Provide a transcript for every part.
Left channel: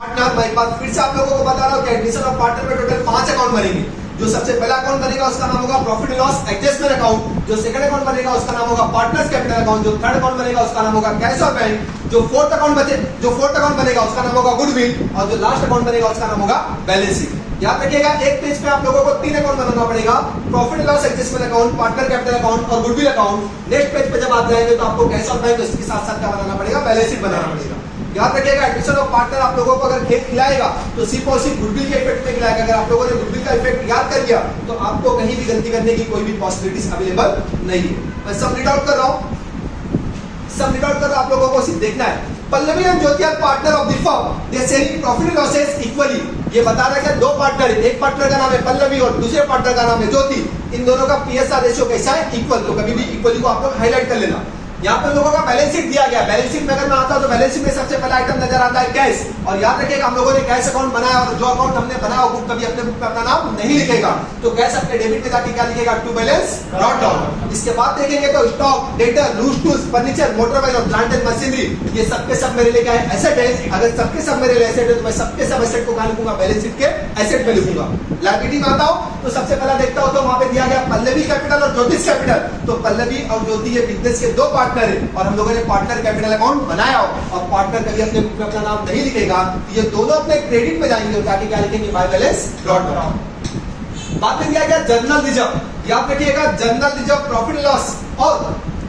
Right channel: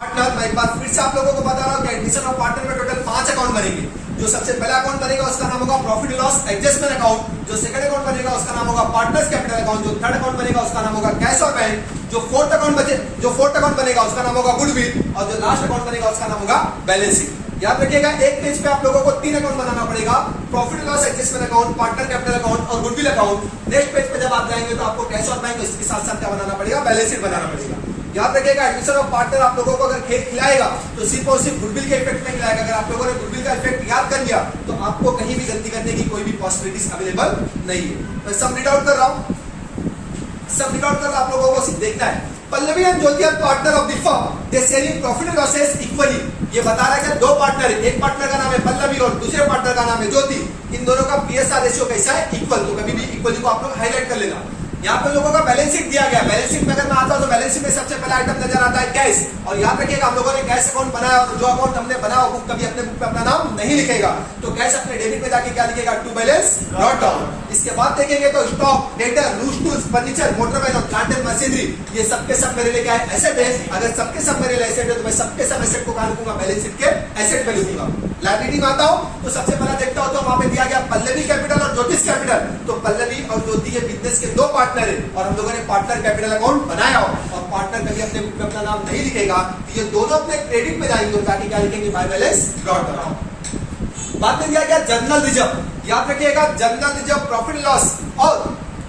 Partner मैं एक बार फिर से आप लोगों को बता रहा हूँ कि एडमिशन ऑफ पार्टनर में टोटल 5 अकाउंट बनेंगे। जो सबसे पहला अकाउंट बनेगा उसका नाम होगा प्रॉफिट लॉस एडजस्टमेंट अकाउंट। जो सेकंड अकाउंट बनेगा उसका नाम होगा पार्टनर्स कैपिटल अकाउंट। जो थर्ड अकाउंट बनेगा उसका नाम होगा कैश और बैंक। जो फोर्थ अकाउंट बनेगा उसका नाम होगा गुडविल। और जो लास्ट अकाउंट बनेगा उसका नाम होगा बैलेंस शीट। याद रखिएगा एक पेज पे आप लोगों को 3 अकाउंट बनाना पड़ेगा, profit loss adjustment account, partner capital account और गुडविल अकाउंट। नेक्स्ट पेज पे जब आप जाएंगे तो आपको कैश और बैंक इसके साथ साथ क्या बनाना पड़ेगा, बैलेंस शीट बनाना पड़ेगा। याद रखिएगा एडमिशन ऑफ पार्टनर आप लोगों को अगर खेत खिलाएगा तो सिर्फ और सिर्फ गुडविल के इफेक्ट में खिलाएगा। अगर आप लोगों ने गुडविल का इफेक्ट याद कर लिया तो आपको कहीं भी गलती करने की कोई भी पॉसिबिलिटीज अवेलेबल नहीं है। मैं सब रीड आउट कर रहा हूं, आप लोगों को सिर्फ देखना है। Pallavi and Jyoti are partner of the firm, they sharing profit losses equally. ये बता रहा है कि दो पार्टनर है, एक पार्टनर का नाम है पल्लवी और दूसरे पार्टनर का नाम है ज्योति। इन दोनों का पीएसआर रेशियो कैसा है, इक्वल। तो कभी भी इक्वली को आप लोग हाईलाइट कर लेना। यहाँ पे लोगों का बैलेंस शीट दिया गया। बैलेंस शीट में अगर मैं आता हूं तो बैलेंस शीट में सबसे पहला आइटम नजर आता है कैश। और याद रखिएगा हम लोगों ने कैश अकाउंट बनाया और जो अकाउंट हमने बनाया वो कभी अपने बुक पे अपना नाम नहीं लिखेगा। तो कैश अपने डेबिट पे जाके क्या लिखेगा, टू बैलेंस नॉट डाउन। इसके बाद देखेंगे तो stock, debtor, loose tools, furniture, motor vehicle और प्लांट एंड मशीनरी, ये सबके सब मेरे लिए क्या है, एसेट है। अगर सबके सब मेरे लिए एसेट है तो मैं सबके सब एसेट को कहां लिखूंगा, बैलेंस शीट के एसेट पे लिखूंगा। लायबिलिटी में आता हूं तो सबसे पहला देखता हूं तो वहां पे दिया गया पल्लवी कैपिटल और ज्योतिष कैपिटल। तो पल्लवी और ज्योति ये बिजनेस के दो पार्टनर है और हम लोगों ने पार्टनर कैपिटल अकाउंट बनाया और पार्टनर कभी अपने बुक में अपना नाम नहीं लिखेगा तो ये दोनों अपने क्रेडिट में जाएंगे और ताकि क्या लिखेंगे, बाय बैलेंस डॉट डाउन। बाद में दिया गया जर्नल रिजर्व। याद रखिएगा जर्नल रिजर्व, प्रॉफिट लॉस और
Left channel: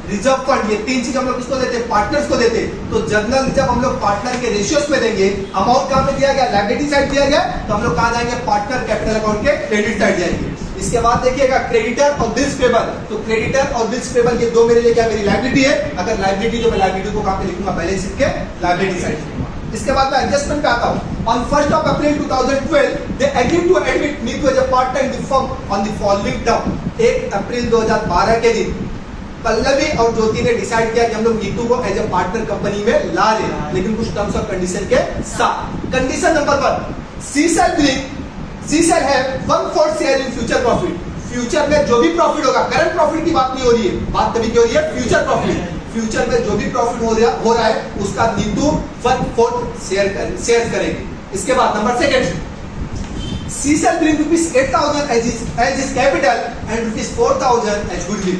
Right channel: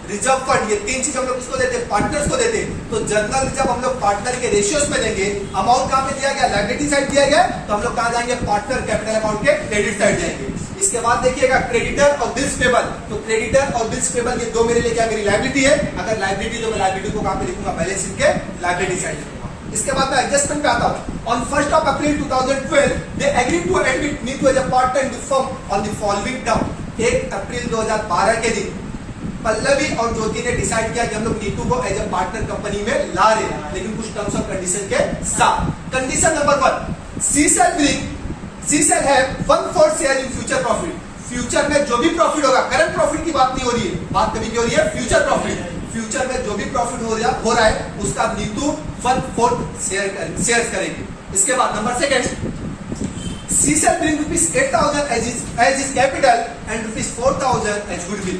रिजर्व फंड, ये तीन चीज हम लोग किसको देते हैं, पार्टनर्स को देते हैं। तो जर्नल रिजर्व हम लोग पार्टनर के रेशियोस में देंगे। अमाउंट कहां पे दिया गया, लायबिलिटी साइड दिया गया तो हम लोग कहां जाएंगे, पार्टनर कैपिटल अकाउंट के क्रेडिट साइड जाएंगे। इसके बाद देखिएगा क्रेडिटर और बिल्स पेबल। तो क्रेडिटर और बिल्स पेबल ये दो मेरे लिए क्या, मेरी लायबिलिटी है। अगर लायबिलिटी तो मैं लायबिलिटी को कहां पे लिखूंगा, बैलेंस शीट के लायबिलिटी साइड। इसके बाद मैं एडजस्टमेंट पे आता हूं। On 1st of April 2012 they agreed to admit Neetu as a partner in the firm on the following term. 1 April 2012 के दिन पल्लवी और ज्योति ने डिसाइड किया कि हम लोग नीतू को एज अ पार्टनर कंपनी में ला रहे हैं, लेकिन कुछ टर्म्स और कंडीशन के साथ। Condition number 1, she shall have 1/4 share in future profit. Future में जो भी प्रॉफिट होगा, करंट प्रॉफिट की बात नहीं हो रही है, बात कभी हो रही है फ्यूचर प्रॉफिट। फ्यूचर में जो भी प्रॉफिट हो रहा है उसका नीतू 1/4 शेयर करेंगे। इसके बाद number 2, she shall bring ₹8,000 as his capital and ₹4,000 as goodwill.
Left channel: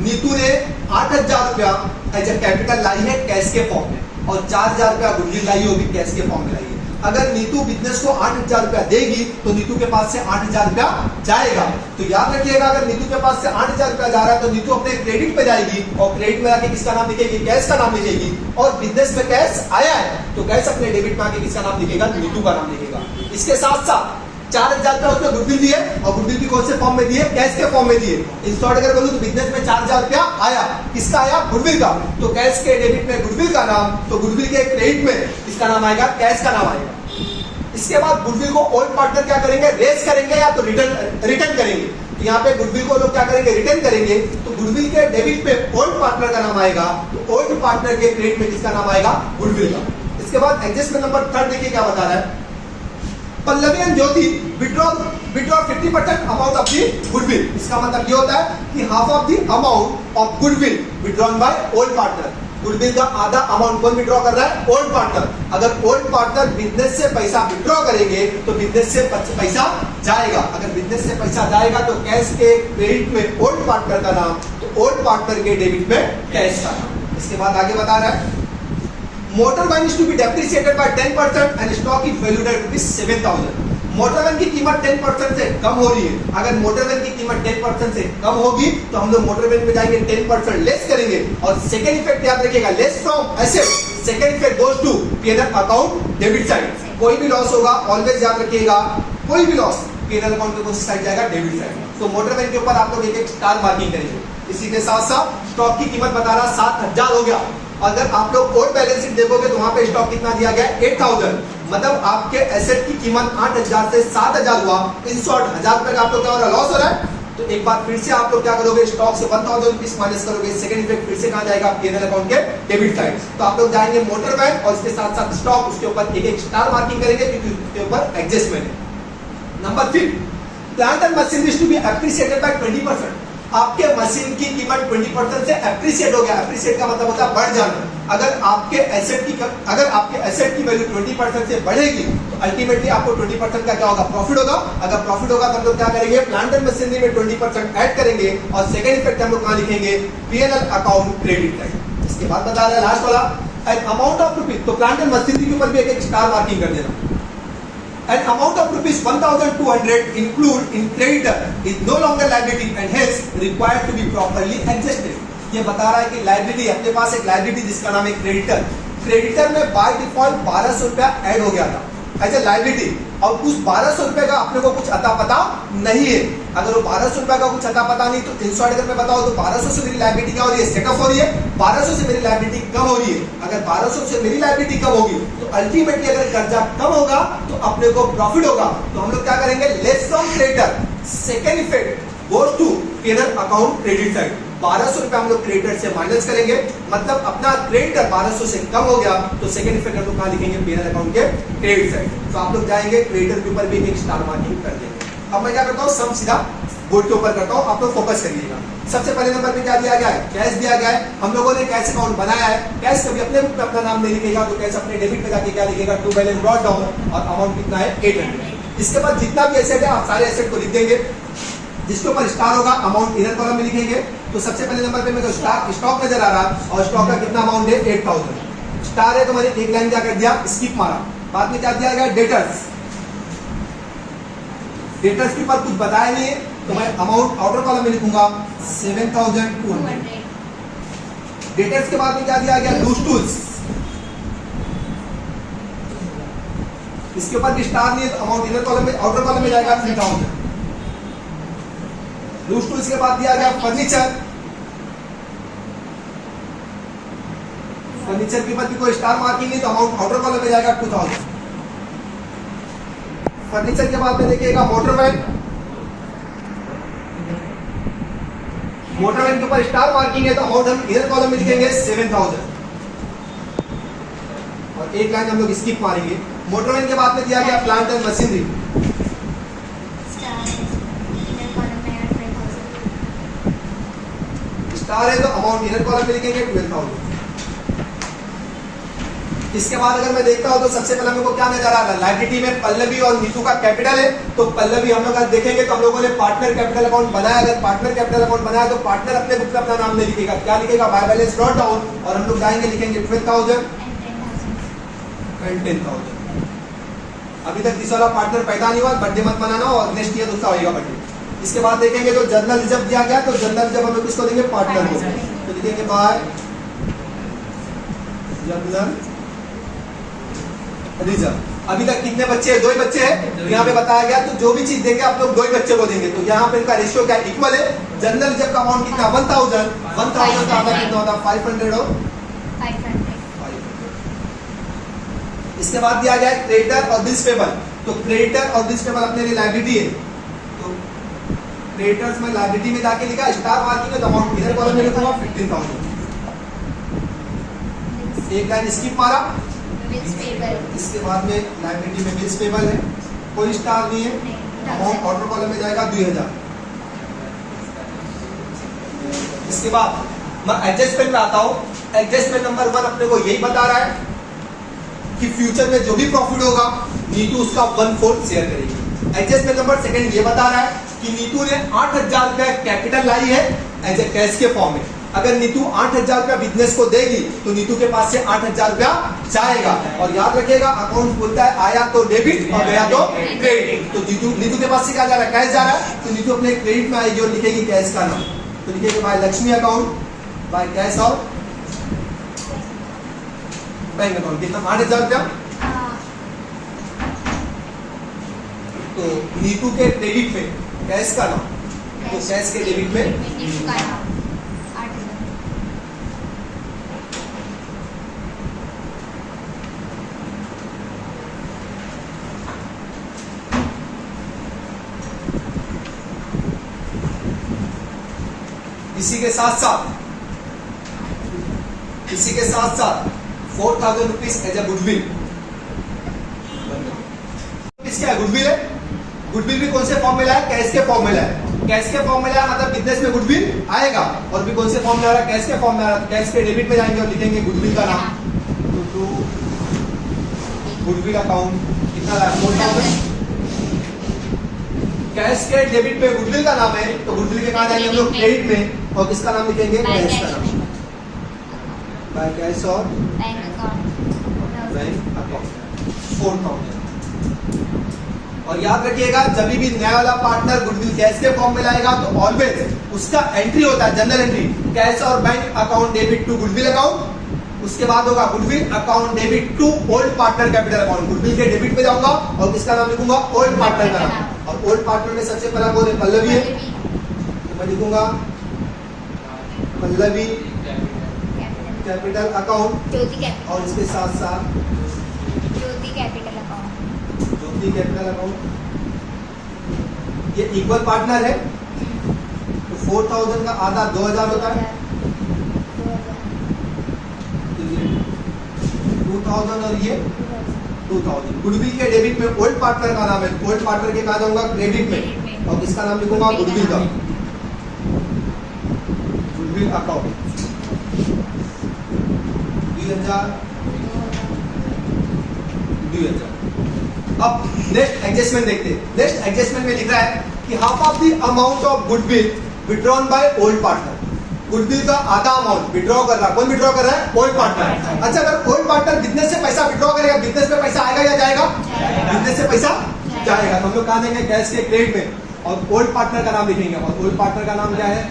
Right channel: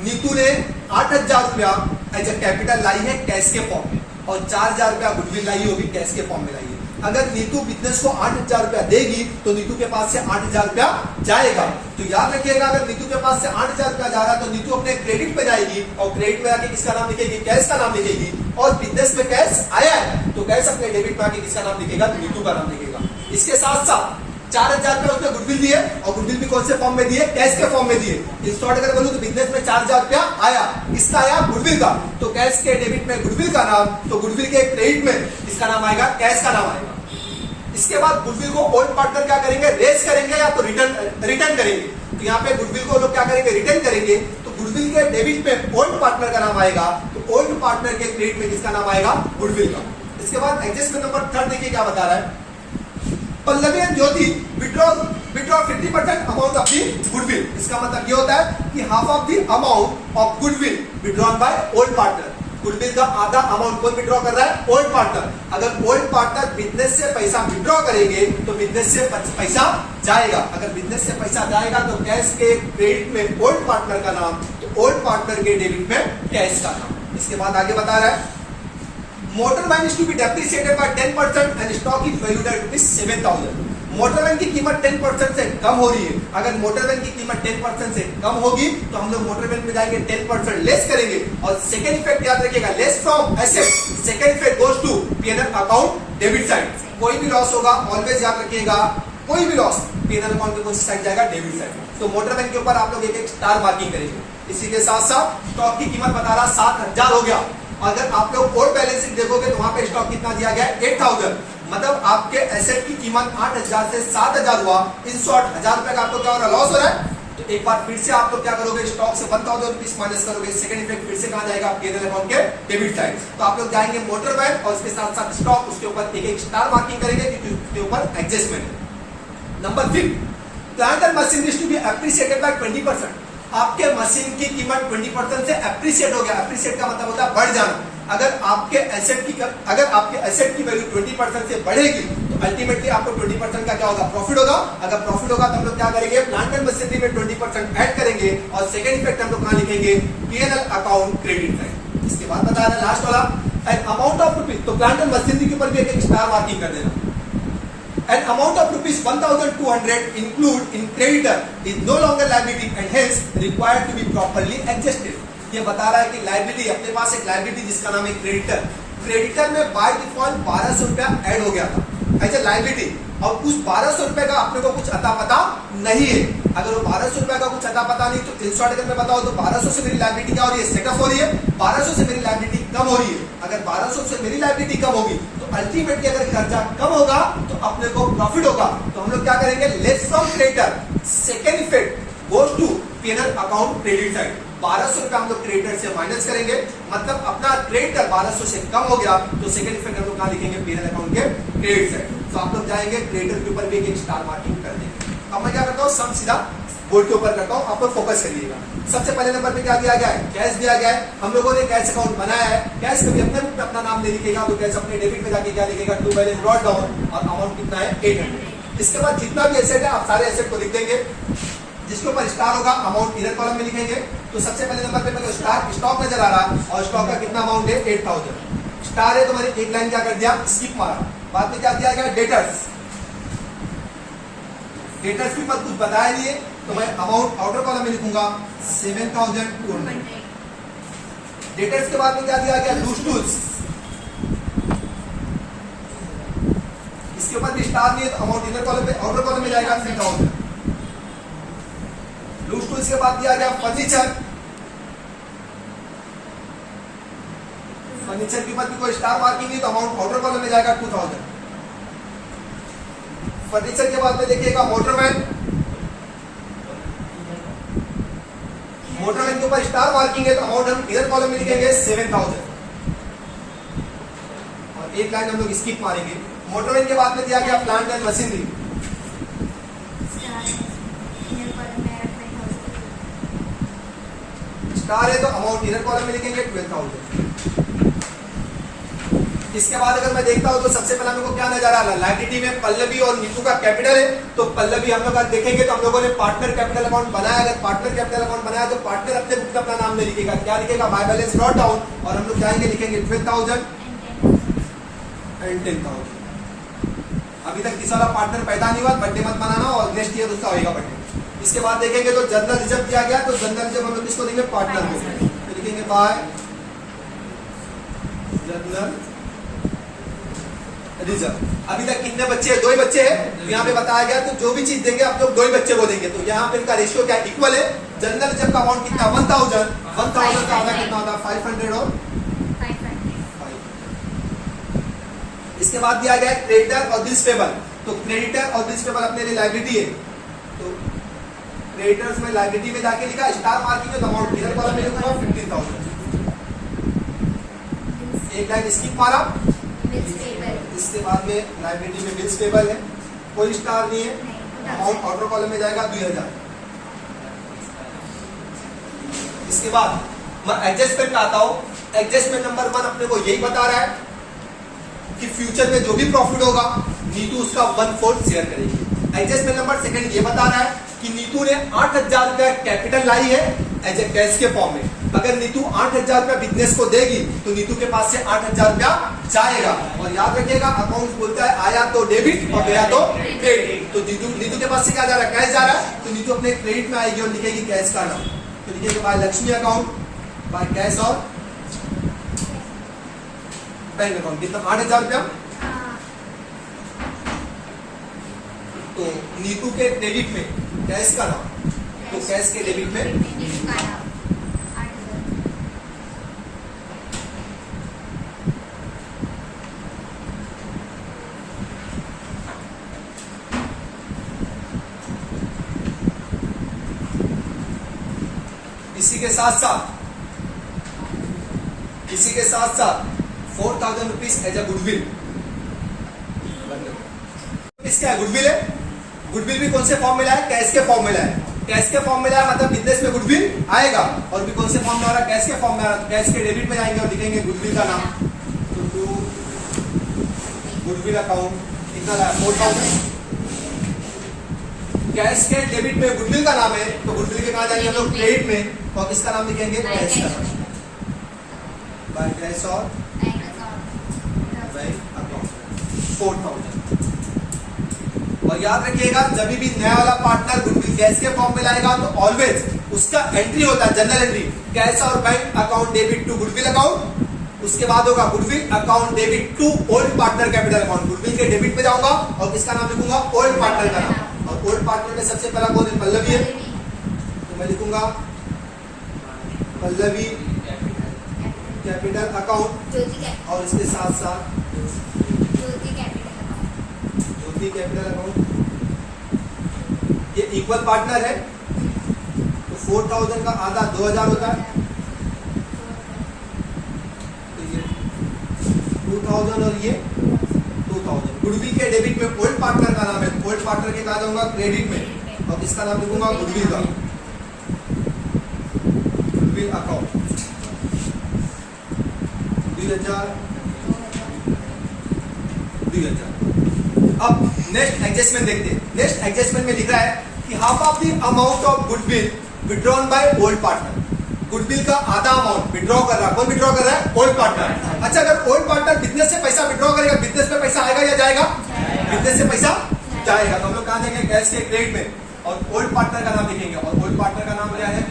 Neetu ने 8,000 रुपया एज ए कैपिटल लाई है कैश के फॉर्म में और 4,000 रुपया गुडविल लाई होगी कैश के फॉर्म में लाई है। अगर नीतू बिजनेस को 8,000 रुपया देगी तो नीतू के पास से 8,000 रुपया जाएगा। तो याद रखिएगा अगर नीतू के पास से 8,000 रुपया जा रहा है तो नीतू अपने क्रेडिट पे जाएगी और क्रेडिट में आके किसका नाम लिखेगी, कैश का नाम लिखेगी। और बिजनेस में कैश आया है तो कैश अपने डेबिट में आके किसका नाम लिखेगा, नीतू का नाम लिखेगा। इसके साथ साथ 4,000 रुपया उसने गुडविल दिए और गुडविल भी कौन से फॉर्म में दिए, कैश के फॉर्म में दिए। इन शॉर्ट अगर बोलूं तो बिजनेस में 4,000 रुपया आया, इसका आया गुडविल का, तो कैश के डेबिट में गुडविल का नाम, तो गुडविल के क्रेडिट में इसका नाम आएगा, कैश का नाम आएगा। इसके बाद गुडविल को ओल्ड पार्टनर क्या करेंगे, रेस करेंगे या तो रिटर्न करेंगे। तो यहाँ पे गुडविल को लोग क्या करेंगे, रिटर्न करेंगे। तो गुडविल के डेबिट में ओल्ड पार्टनर का नाम आएगा, तो ओल्ड पार्टनर के क्रेडिट में किसका नाम आएगा, गुडविल का। इसके बाद एडजस्टमेंट नंबर 3 देखिए क्या बता रहा है। Pallavi and Jyoti withdraw 50% amount of the goodwill. इसका मतलब ये होता है कि half of the amount of goodwill withdrawn by old partner. Goodwill का आधा अमाउंट कौन विड्रॉ कर रहा है, ओल्ड पार्टनर। अगर ओल्ड पार्टनर बिजनेस से पैसा विड्रॉ करेंगे तो बिजनेस से पैसा जाएगा। अगर बिजनेस से पैसा जाएगा तो कैश के क्रेडिट में ओल्ड पार्टनर का नाम, तो ओल्ड पार्टनर के डेबिट में कैश का नाम। इसके बाद आगे बता रहा है motor van is to be depreciated by 10% and stock is valued at ₹7,000। Motor van की कीमत 10% से कम हो रही है। अगर मोटर वैन की कीमत 10% से कम होगी तो हम लोग मोटर वैन में जाएंगे 10% लेस करेंगे। और सेकेंड इफेक्ट याद रखिएगा, less from asset, second effect goes to PNL account debit side. कोई भी लॉस होगा ऑलवेज याद रखिएगा, कोई भी लॉस पीएनएल अकाउंट के कौन सी साइड जाएगा, डेबिट साइड। तो मोटर वैन के ऊपर आप लोग एक स्टार मार्किंग करेंगे। इसी के साथ साथ स्टॉक की कीमत बता रहा 7,000 हो गया। अगर आप लोग ओल्ड बैलेंस शीट देखोगे तो वहां पे स्टॉक कितना दिया गया, 8,000। मतलब आपके एसेट की कीमत 8,000 से 7,000 हुआ। इन शॉर्ट 1,000 रुपए का आप लोग क्या हो रहा है, लॉस हो रहा है। तो एक बार फिर से आप लोग क्या करोगे, स्टॉक से 1,000 रुपीज माइनस करोगे। सेकंड इफेक्ट फिर से कहां जाएगा, पीएनएल अकाउंट के डेबिट साइड। तो आप लोग जाएंगे मोटर वैन और इसके साथ साथ स्टॉक, उसके ऊपर एक स्टार मार्किंग करेंगे क्योंकि उसके ऊपर एडजस्टमेंट है। Number 3, plant and machinery to be appreciated by 20%। आपके मशीन की कीमत 20% से एप्रिसिएट हो गया। एप्रिसिएट का मतलब होता है बढ़ जाना। अगर आपके एसेट की वैल्यू 20% से बढ़ेगी तो अल्टीमेटली आपको 20% का क्या होगा, प्रॉफिट होगा। अगर प्रॉफिट होगा तो हम लोग क्या करेंगे, प्लांट एंड मशीनरी में 20% ऐड करेंगे और सेकंड इफेक्ट हम लोग कहां लिखेंगे, पीएनएल अकाउंट क्रेडिट साइड। इसके बाद बता रहा है लास्ट वाला एन अमाउंट ऑफ रुपीज, तो प्लांट एंड मशीनरी के ऊपर भी एक स्टार मार्किंग कर देना। An amount of rupees 1,200 include in creditor is no longer liability and hence required to be properly adjusted। ये बता रहा है कि लाइबिलिटी, अपने पास एक लाइबिलिटी जिसका नाम है क्रेडिटर, क्रेडिटर में बाय डिफॉल्ट 1200 रुपया ऐड हो गया था एज ए लाइबिलिटी, और उस 1200 रुपए का अपने को कुछ अता पता नहीं है। अगर वो 1200 रुपए का कुछ अता पता नहीं तो इन शॉर्ट अगर मैं बताऊं तो 1200 से मेरी लाइबिलिटी क्या हो रही है, सेट ऑफ हो रही है, 1200 से मेरी लाइबिलिटी कम हो रही है। अगर 1200 से मेरी लाइबिलिटी कम होगी तो अल्टीमेटली अगर कर्जा कम होगा तो अपने को प्रॉफिट होगा। तो हम लोग क्या करेंगे, less from creditor, second effect goes to PNL account credit side. 1200 रुपया हम लोग क्रेडिटर से माइनस करेंगे, मतलब अपना क्रेडिटर 1200 से कम हो गया तो सेकंड इफेक्ट हम लोग कहां लिखेंगे, पीएनएल अकाउंट के क्रेडिट साइड। तो आप लोग जाएंगे क्रेडिटर के ऊपर भी एक स्टार मार्किंग कर देंगे। अब मैं क्या करता हूं, सम सीधा बोर्ड के ऊपर करता हूं, आप लोग फोकस करिएगा। सबसे पहले नंबर पे क्या दिया गया है, कैश दिया गया है। हम लोगों ने कैश अकाउंट बनाया है, कैश कभी अपने बुक में अपना नाम नहीं लिखेगा तो कैश अपने डेबिट में जाके क्या लिखेगा, टू बैलेंस ब्रॉट डाउन और अमाउंट कितना है 800। इसके बाद जितना भी एसेट है आप सारे एसेट को लिख देंगे, जिसके ऊपर स्टार होगा अमाउंट इनर कॉलम में लिखेंगे। तो सबसे पहले नंबर पे मेरे को स्टॉक नजर आ रहा है और स्टॉक का कितना अमाउंट है 8000। स्टार है तो मैंने एक लाइन क्या कर दिया, स्किप मारा। बाद में क्या दिया गया, डेटर्स, डेटर्स के ऊपर कुछ बताया नहीं है तो मैं अमाउंट आउटर कॉलम में लिखूंगा 7200। डेटर्स के बाद में क्या दिया गया, लूज टूल्स, इसके ऊपर भी स्टार नहीं है तो अमाउंट इनर कॉलम में, आउटर कॉलम में जाएगा 3000। लूज टूल्स के बाद दिया गया फर्नीचर, फर्नीचर के ऊपर भी कोई स्टार मार्किंग नहीं तो अमाउंट आउटर कॉलम में जाएगा 2000। फर्नीचर के बाद में देखिएगा मोटरवैन, मोटरवैन के ऊपर स्टार मार्किंग है तो अमाउंट हम इधर कॉलम में लिखेंगे 7000 और एक लाइन हम लोग स्किप मारेंगे। मोटरवैन के बाद में दिया गया प्लांट एंड मशीनरी, स्टार है तो अमाउंट इनर कॉलम में लिखेंगे 12000। इसके बाद अगर मैं देखता हूं तो सबसे पहले मेरे को क्या नजर आ रहा है, लाइबिलिटी में पल्लवी और नीतू का कैपिटल है तो पल्लवी हम लोग देखेंगे तो हम लोगों ने पार्टनर कैपिटल अकाउंट बनाया। अगर पार्टनर कैपिटल अकाउंट बनाया तो पार्टनर अपने बुक में अपना नाम नहीं लिखेगा, क्या लिखेगा, बाय बैलेंस ब्रॉट डाउन और हम लोग जाएंगे लिखेंगे 12000 एंड 10000। अभी तक तीसरा वाला पार्टनर पैदा नहीं हुआ, बर्थडे मत मनाना और नेक्स्ट ईयर दूसरा होगा बर्थडे। इसके बाद देखेंगे तो जनरल रिजर्व दिया गया तो जनरल रिजर्व हम लोग किसको देंगे, पार्टनर को, तो लिखेंगे बाय जनरल रिजर्व। अभी तक कितने बच्चे हैं, 2 ही बच्चे हैं तो यहाँ पे बताया गया तो जो भी चीज देंगे आप लोग 2 ही बच्चे को देंगे। तो यहाँ पे इनका रेशियो क्या इक्वल है। जनरल रिजर्व का अमाउंट कितना 1000 का आधा कितना होता है 500 और 500। इसके बाद दिया गया क्रेडिटर और बिल्स पेबल, तो क्रेडिटर और बिल्स पेबल अपने लिए लायबिलिटी है तो क्रेडिटर्स में लायबिलिटी में जाके लिखा स्टार मार्किंग है तो अमाउंट इधर कॉलम में लिखूंगा 15000। एक लाइन स्किप मारा। इसके बाद में लायबिलिटी में बिल्स पेबल है, कोई स्टार नहीं है, अमाउंट ऑर्डर कॉलम में जाएगा 2000। इसके बाद मैं एडजस्टमेंट में आता हूं। एडजस्टमेंट नंबर 1 अपने को यही बता रहा है कि फ्यूचर में जो भी प्रॉफिट होगा नीतू उसका 1/4 शेयर करेगी। एडजस्टमेंट नंबर 2 ये बता रहा है कि नीतू ने 8000 रुपया कैपिटल लाई है एज ए कैश के फॉर्म में। अगर नीतू 8000 रुपया बिजनेस को देगी तो नीतू के पास से 8000 रुपया जाएगा। और याद रखिएगा अकाउंट बोलता है आया तो डेबिट और गया तो क्रेडिट। तो नीतू के पास से क्या जा रहा है, कैश जा रहा है तो नीतू अपने क्रेडिट में आएगी और लिखेगी कैश का नाम, तो लिखेगी by Lakshmi account by cash और बैंक अकाउंट। कितना 8000 रुपया। तो नीतू के क्रेडिट में कैश का नाम, तो कैश के डेबिट में इसी के साथ साथ 4000 रुपीज एज ए गुडविल। इसका गुडविल है, गुडविल भी कौन से फॉर्म में लाया, कैश के फॉर्म में लाया। कैश के फॉर्म में लाया मतलब बिजनेस में गुडविल आएगा। और भी कौन से फॉर्म में आ रहा है, कैश के फॉर्म में आ रहा है, कैश के डेबिट में जाएंगे और लिखेंगे गुडविल का नाम। तो गुडविल अकाउंट कितना लाया, 4000। कैश के डेबिट में गुडविल का नाम है तो गुडविल के कहा जाएंगे हम लोग, क्रेडिट में, और किसका नाम लिखेंगे, कैश का नाम, बाय कैश और बैंक अकाउंट 4000। और याद रखिएगा जब भी नया वाला पार्टनर गुडविल कैश के फॉर्म में लाएगा तो ऑलवेज उसका एंट्री होता है, जनरल एंट्री, कैश और bank account debit to goodwill account. उसके बाद होगा goodwill account debit to old partner capital account. Goodwill के डेबिट पे जाऊंगा और किसका नाम लिखूंगा, ओल्ड पार्टनर का नाम। और ओल्ड पार्टनर में सबसे पहला कौन है, पल्लवी है, तो मैं लिखूंगा पल्लवी कैपिटल अकाउंट, और इसके साथ साथ ज्योति कैपिटल अकाउंट। ये इक्वल पार्टनर है तो 4000 का आधा 2000 होता है, 2000 और ये 2000। गुडविल के डेबिट में ओल्ड पार्टनर का नाम है, ओल्ड पार्टनर के कहा जाऊंगा क्रेडिट में, और इसका नाम लिखूंगा गुडविल का, गुडविल अकाउंट 2000। अब नेक्स्ट एडजस्टमेंट देखते हैं। नेक्स्ट एडजस्टमेंट में लिख रहा है कि half of the amount of goodwill withdrawn by old partner. Goodwill का आधा अमाउंट विड्रॉ कर रहा है, कौन विड्रॉ कर रहा है, ओल्ड पार्टनर। अच्छा, अगर ओल्ड पार्टनर बिजनेस से पैसा विड्रॉ करेगा, बिजनेस में पैसा आएगा या जाएगा, बिजनेस से पैसा जाएगा। तो हम लोग कहा देंगे कैश के क्रेडिट में, और ओल्ड पार्टनर का नाम लिखेंगे। और ओल्ड पार्टनर का नाम क्या है,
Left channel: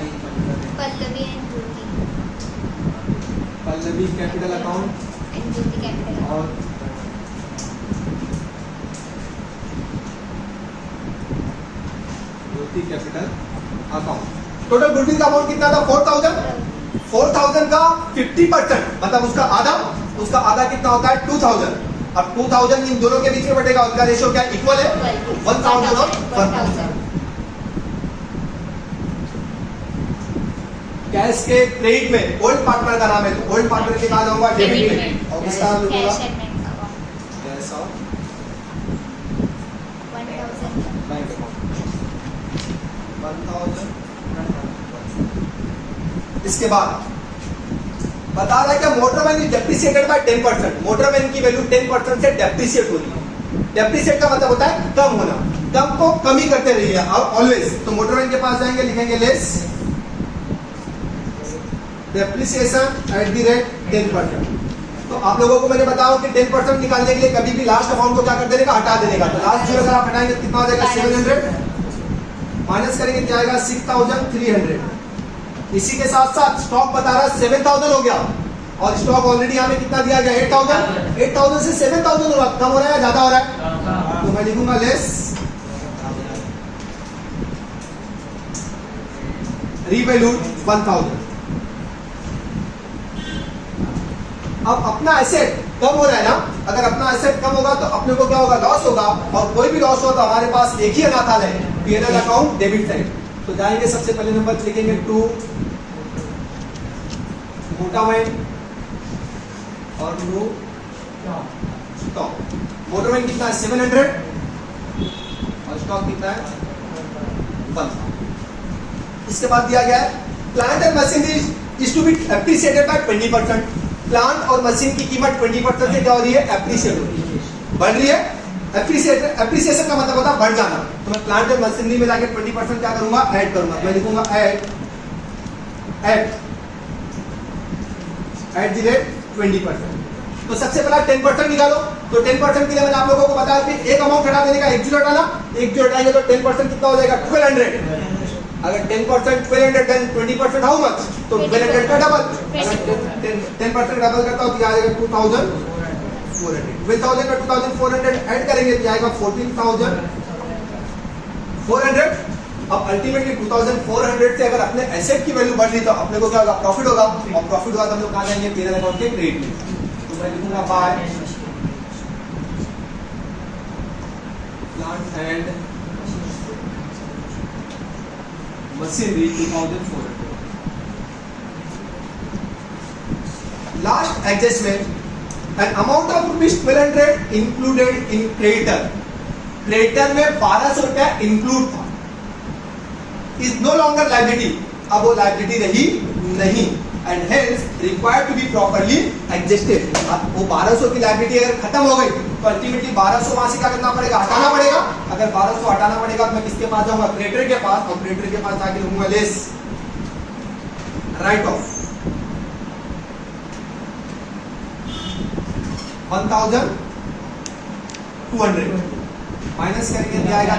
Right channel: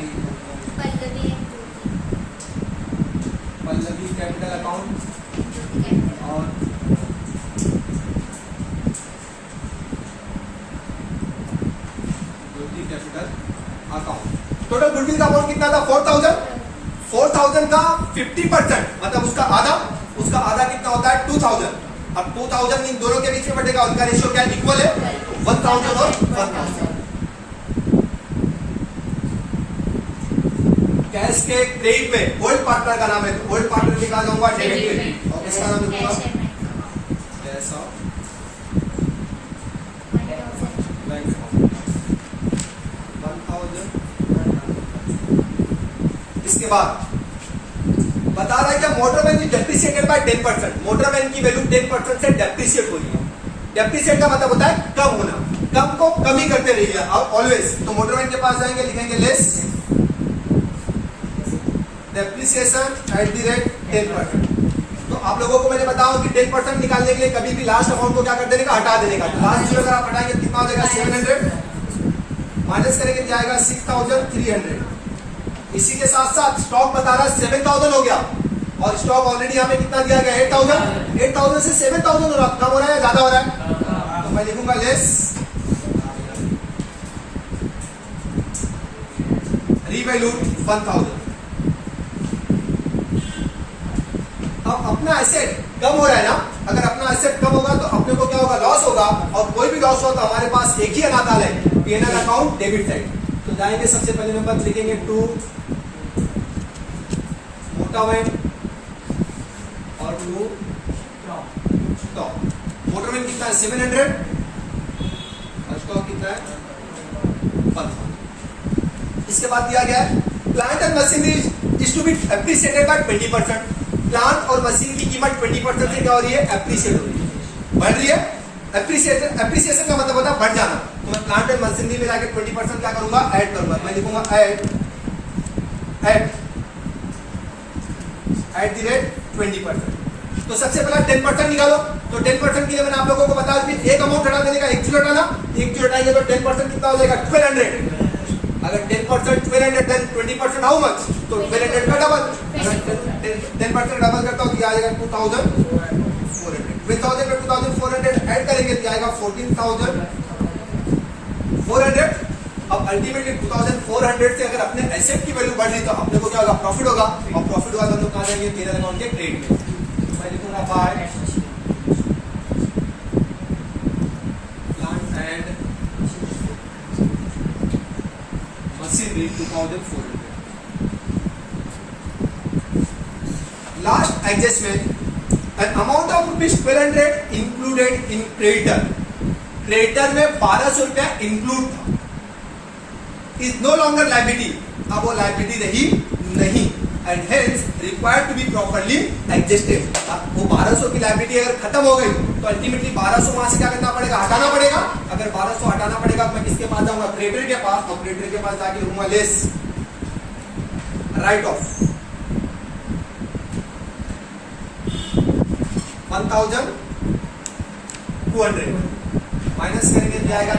पल्लवी कैपिटल अकाउंट और कैपिटल अकाउंट। टोटल गुडविल का अमाउंट कितना था, 4000। 4000 का 50% मतलब उसका आधा कितना होता है, 2000। अब 2000 इन दोनों के बीच में बढ़ेगा, उनका रेशियो क्या इक्वल है, 1000 और 1000। कैश के क्रेडिट में ओल्ड पार्टनर का नाम है, तो ओल्ड पार्टनर के कहा जाऊंगा डेबिट में, और किसका नाम लिखूंगा, कैश ऑफ 1000। इसके बाद बता रहा है कि motor van is depreciated by 10%। Motor van की वैल्यू 10% से डेप्रिसिएट हो रही है। डेप्रिसिएट का मतलब होता है कम होना, कम को कम ही करते रहिए ऑलवेज। तो मोटरमैन के पास जाएंगे, लिखेंगे less depreciation at the rate 10%। तो आप लोगों को मैंने बताया कि 10% निकालने के लिए कभी भी लास्ट अमाउंट को क्या कर देने का, हटा देने का। तो लास्ट जीरो अगर आप हटाएंगे कितना हो जाएगा, 700 माइनस करेंगे क्या आएगा, 6300। इसी के साथ साथ स्टॉक बता रहा है 7000 हो गया, और स्टॉक ऑलरेडी हमें कितना दिया गया, 8000। 8000 से 7000 हो रहा, कम हो रहा है या ज्यादा हो रहा है, तो मैं लिखूंगा लेस रीवैल्यूड 1000। अब अपना एसेट कम हो रहा है ना, अगर अपना एसेट कम होगा तो अपने को क्या होगा, लॉस होगा। और कोई भी लॉस होगा तो हमारे पास एक ही अनाथाल है, पीएनएल अकाउंट डेबिट साइड। तो जाएंगे सबसे पहले नंबर लिखेंगे टू मोटरमैन और न्यू स्टॉक। मोटरमैन कितना है, 700, और स्टॉक कितना है, 1000। इसके बाद दिया गया है plant and machinery is to be appreciated by 20%। Plant और मशीन की कीमत 20% से क्या हो रही है, एप्रिसिएट हो रही है, बढ़ रही है। एप्रिसिएशन का मतलब होता है बढ़ जाना। तो मैं प्लांट और मशीनरी में जाके 20% क्या करूंगा, ऐड करूंगा। मैं लिखूंगा ऐड द रेट 20%। तो सबसे पहला 10% निकालो। तो 10% के लिए मैंने आप लोगों को बताया कि एक अमाउंट हटा देने का, एक जीरो हटाना, एक जीरो हटाएंगे तो 10% कितना हो जाएगा, 1200। अगर 10% 1200, 20% हाउ मच, तो 1200 का डबल। अगर 10% डबल करता हूं तो आ जाएगा 2400। 1000 का 2400 ऐड करेंगे तो आएगा 14400। अब अल्टीमेटली 2400 से अगर अपने एसेट की वैल्यू बढ़ रही तो अपने को क्या होगा, प्रॉफिट होगा। और प्रॉफिट होगा तो हम लोग कहां जाएंगे, पीएनएल अकाउंट के क्रेडिट में। तो मैं लिखूंगा by plant and machinery 2400। Last adjustment, an amount of rupees 1200 included in creditor। Creditor में 1200 रुपया इंक्लूड था। इज नो लॉन्गर लायबिलिटी, अब वो लायबिलिटी रही नहीं, and hence required to be properly adjusted. वो 1200 की लायबिलिटी अगर खत्म हो गई तो अल्टीमेटली 1200 वहां से क्या करना पड़ेगा, हटाना पड़ेगा। अगर 1200 हटाना पड़ेगा तो मैं किसके पास जाऊंगा, क्रेडिटर के पास, और क्रेडिटर के पास जाके लूंगा लेस राइट ऑफ 1200 माइनस करेंगे जाएगा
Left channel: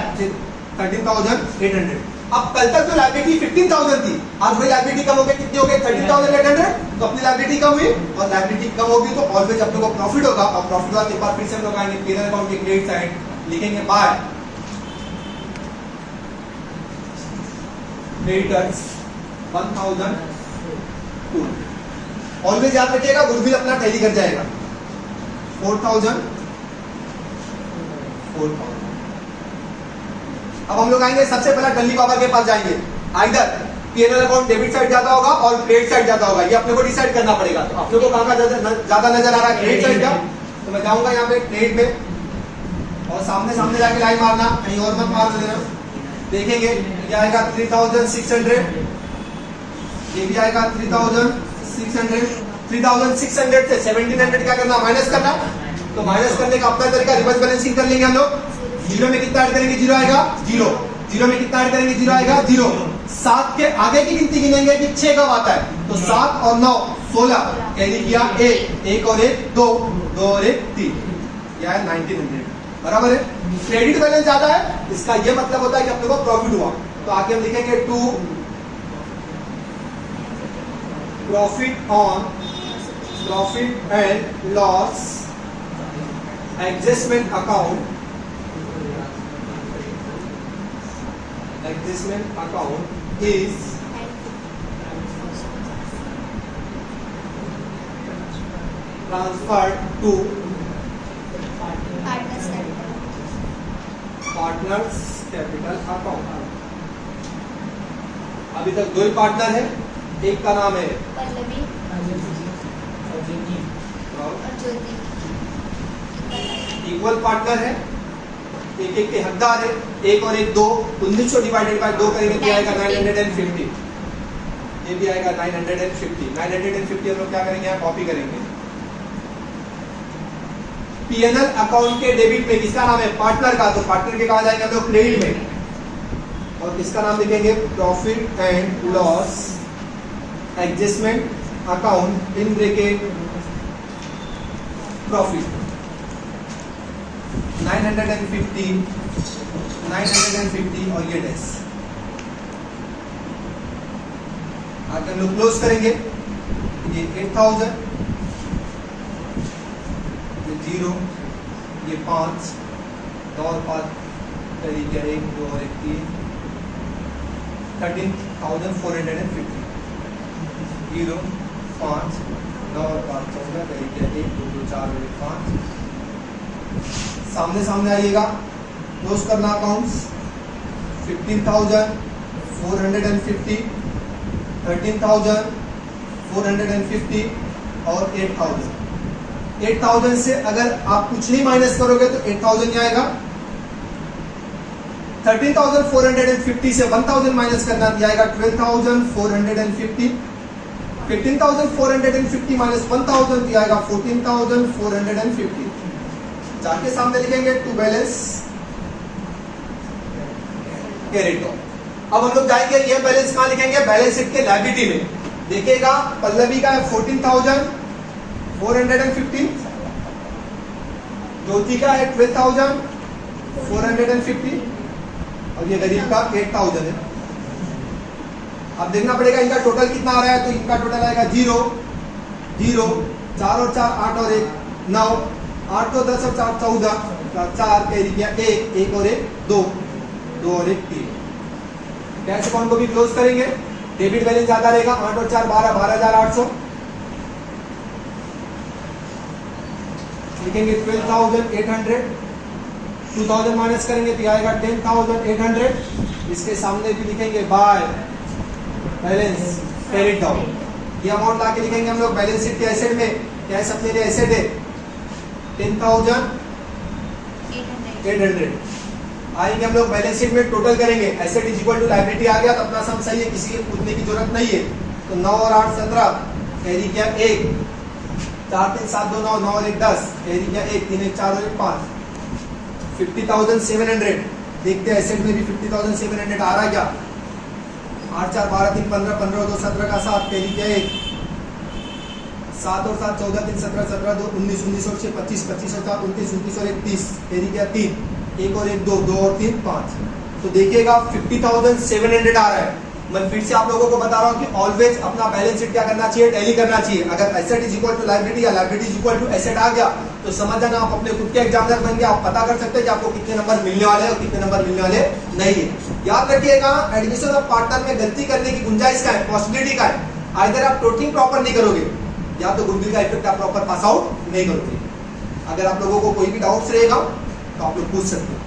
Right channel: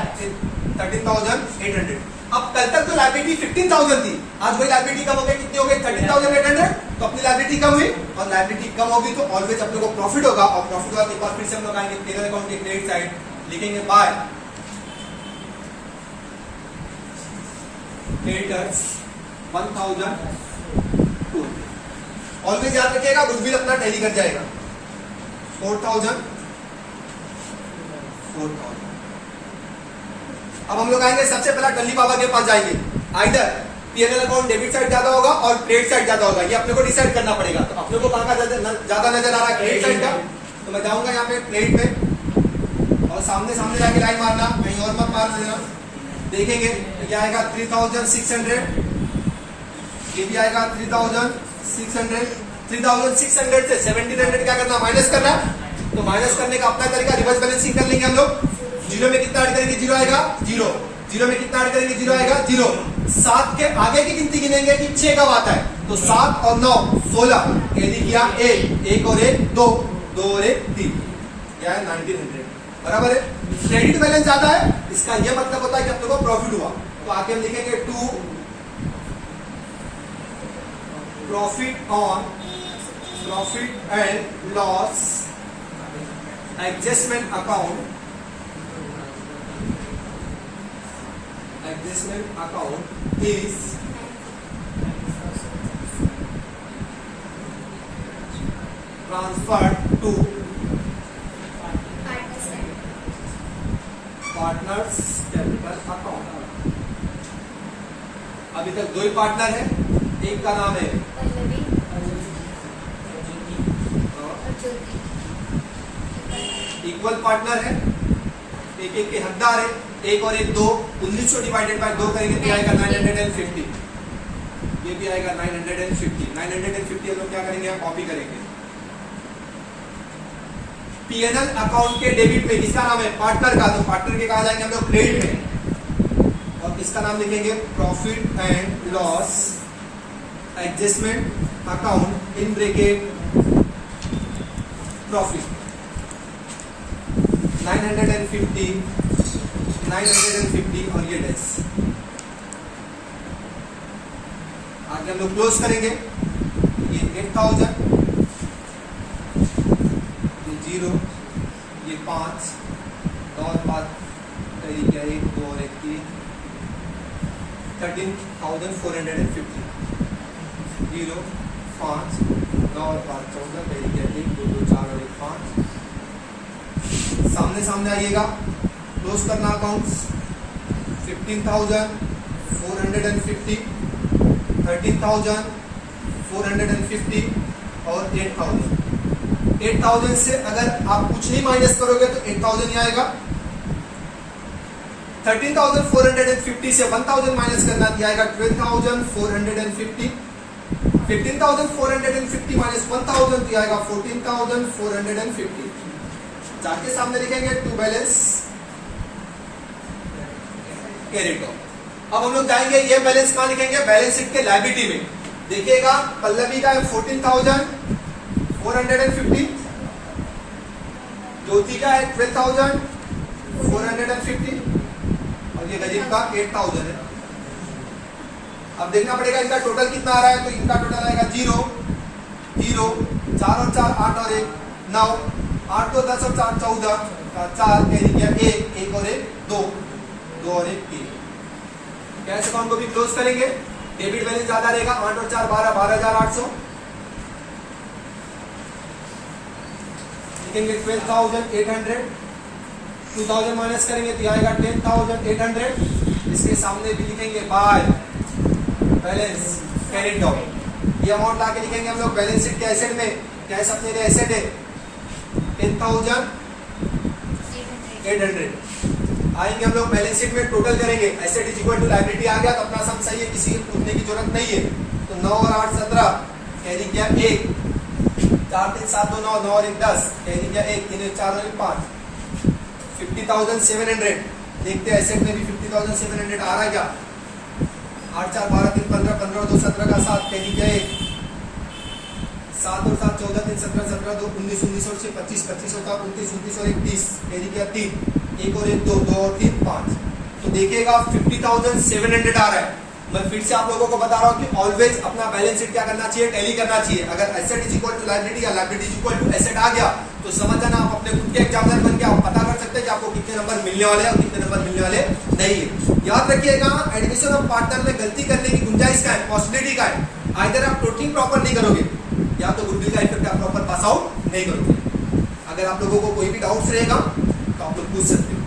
13,800। अब कल तक तो लायबिलिटी 15,000 थी, आज वही लायबिलिटी कम हो गई, कितनी हो गई 13,800। तो अपनी लायबिलिटी कम हुई, और लायबिलिटी कम होगी तो ऑलवेज अपने को प्रॉफिट होगा, और प्रॉफिट होगा के बाद फिर से हम लोग आएंगे पेरेंट अकाउंट के क्रेडिट साइड, लिखेंगे बाय क्रेडिटर्स 1,002। ऑलवेज याद रखिएगा गुडविल अपना टैली कर जाएगा 4,000। अब हम लोग आएंगे सबसे पहले डल्ली बाबा के पास जाएंगे, either PNL account debit side ज्यादा होगा और क्रेडिट साइड ज्यादा होगा, ये अपने को डिसाइड करना पड़ेगा। तो अपने को कहां का ज्यादा नजर आ रहा है, क्रेडिट साइड का, तो मैं जाऊंगा यहाँ पे क्रेडिट पे, और सामने सामने जाके लाइन मारना, कहीं और मत मार लेना। देखेंगे ये आएगा 3,600, ये भी आएगा 3,600। 3,600 से 1,700 क्या करना, माइनस करना। तो माइनस करने का अपना तरीका रिवर्स बैलेंसिंग कर लेंगे हम लोग। जीरो में कितना ऐड करेंगे, जीरो आएगा, जीरो। जीरो में कितना ऐड करेंगे, जीरो आएगा, जीरो। 7 के आगे की गिनती गिनेंगे कि 6 कब आता है, तो 7 और 9 16, कैरी किया 1 और 1 2, 2 और 1 3, क्या है 1,900, बराबर है। क्रेडिट बैलेंस ज्यादा है, इसका ये मतलब होता है कि अपने को प्रॉफिट हुआ। तो आगे हम लिखेंगे to profit on profit and loss adjustment account, adjustment account is transferred to partners capital account। अभी तक दो ही पार्टनर है, एक का नाम है इक्वल पार्टनर है, एक एक के हकदार है, 1 और 1 2, 1900 डिवाइडेड बाय 2 करेंगे तो आएगा 950। ये भी आएगा 950। 950 हम लोग क्या करेंगे, यहाँ कॉपी करेंगे। पीएनएल अकाउंट के डेबिट पे किसका नाम है, पार्टनर का, तो पार्टनर के कहा जाएंगे हम लोग क्रेडिट में, और किसका नाम लिखेंगे, profit and loss adjustment account in bracket profit 950 और ये डैश। आगे हम लोग क्लोज करेंगे, ये 8,000, ये 0, ये 5, 2 और 5 तरीके 1 2 और 1 3, 13,450, 0 5 9 और 5 14 तरीके 1 2 2 4 और 1 5। सामने सामने आइएगा, क्लोज करना अकाउंट्स 15,450, 13,450 और 8,000। 8,000 से अगर आप कुछ नहीं माइनस करोगे तो 8,000 ही आएगा। 13,450 से 1,000 माइनस करना दिया 12,450। 15,450 माइनस 1,000 दिया 14,450। जाके सामने लिखेंगे टू बैलेंस क्रेडिटर। अब हम लोग जाएंगे, ये बैलेंस कहां लिखेंगे, बैलेंस शीट के लायबिलिटी में। देखिएगा पल्लवी का है 14,450, ज्योति का है 12,450 और ये गरीब का 8,000 है। अब देखना पड़ेगा इनका टोटल कितना आ रहा है, तो इनका टोटल आएगा 0 0 4 और 4 8 और 1 9, 8 तो 10 और 4 14, 4 कैरी किया 1 और 1 2, 2 और 1 3। कैश अकाउंट को भी क्लोज करेंगे, डेबिट बैलेंस ज्यादा रहेगा, 8 और 4 12, 12,800 लिखेंगे। 12,800, 2,000 माइनस करेंगे तो आएगा 10,800। इसके सामने भी लिखेंगे बाय बैलेंस कैरिड डाउन। ये अमाउंट लाके लिखेंगे हम लोग बैलेंस शीट के एसेट में, क्या है सबसे एसेट है 10,800। आएंगे हम लोग बैलेंस शीट में टोटल करेंगे, asset is equal to liability आ गया तो अपना सम सही है, किसी को पूछने की जरूरत नहीं है। तो 9 और 8 17, कैरी किया 1, 4 3 7 2 9, 9 और 1 10, कैरी किया 1, 3 1 4 और 1 5, 50,700। देखते हैं एसेट में भी 50,700 आ रहा है क्या। 8 4 12 3 15, 15 और 2 17 का 7, कैरी किया 1, 7 और 7 14 3 17 17 2 19 19 और 6 25 25 और 7 29 29 और 1 30, कैरी किया 3, 1 और 1 2 2 और 3 5। तो देखिएगा 50,700 आ रहा है। मैं फिर से आप लोगों को बता रहा हूँ कि ऑलवेज अपना बैलेंस शीट क्या करना चाहिए, टैली करना चाहिए। अगर asset is equal to liability या liability is equal to asset आ गया तो समझ जाना आप अपने खुद के एग्जामिनर बन के आप पता कर सकते हैं कि आपको कितने नंबर मिलने वाले हैं और कितने नंबर मिलने वाले नहीं है। याद रखिएगा एडमिशन ऑफ पार्टनर में गलती करने की गुंजाइश का है, पॉसिबिलिटी का है। आइदर आप टोटलिंग प्रॉपर नहीं करोगे या तो गुडविल का इफेक्ट आप प्रॉपर पास आउट नहीं करोगे। अगर आप लोगों को कोई भी डाउट्स रहेगा तो आप लोग पूछ सकते हो।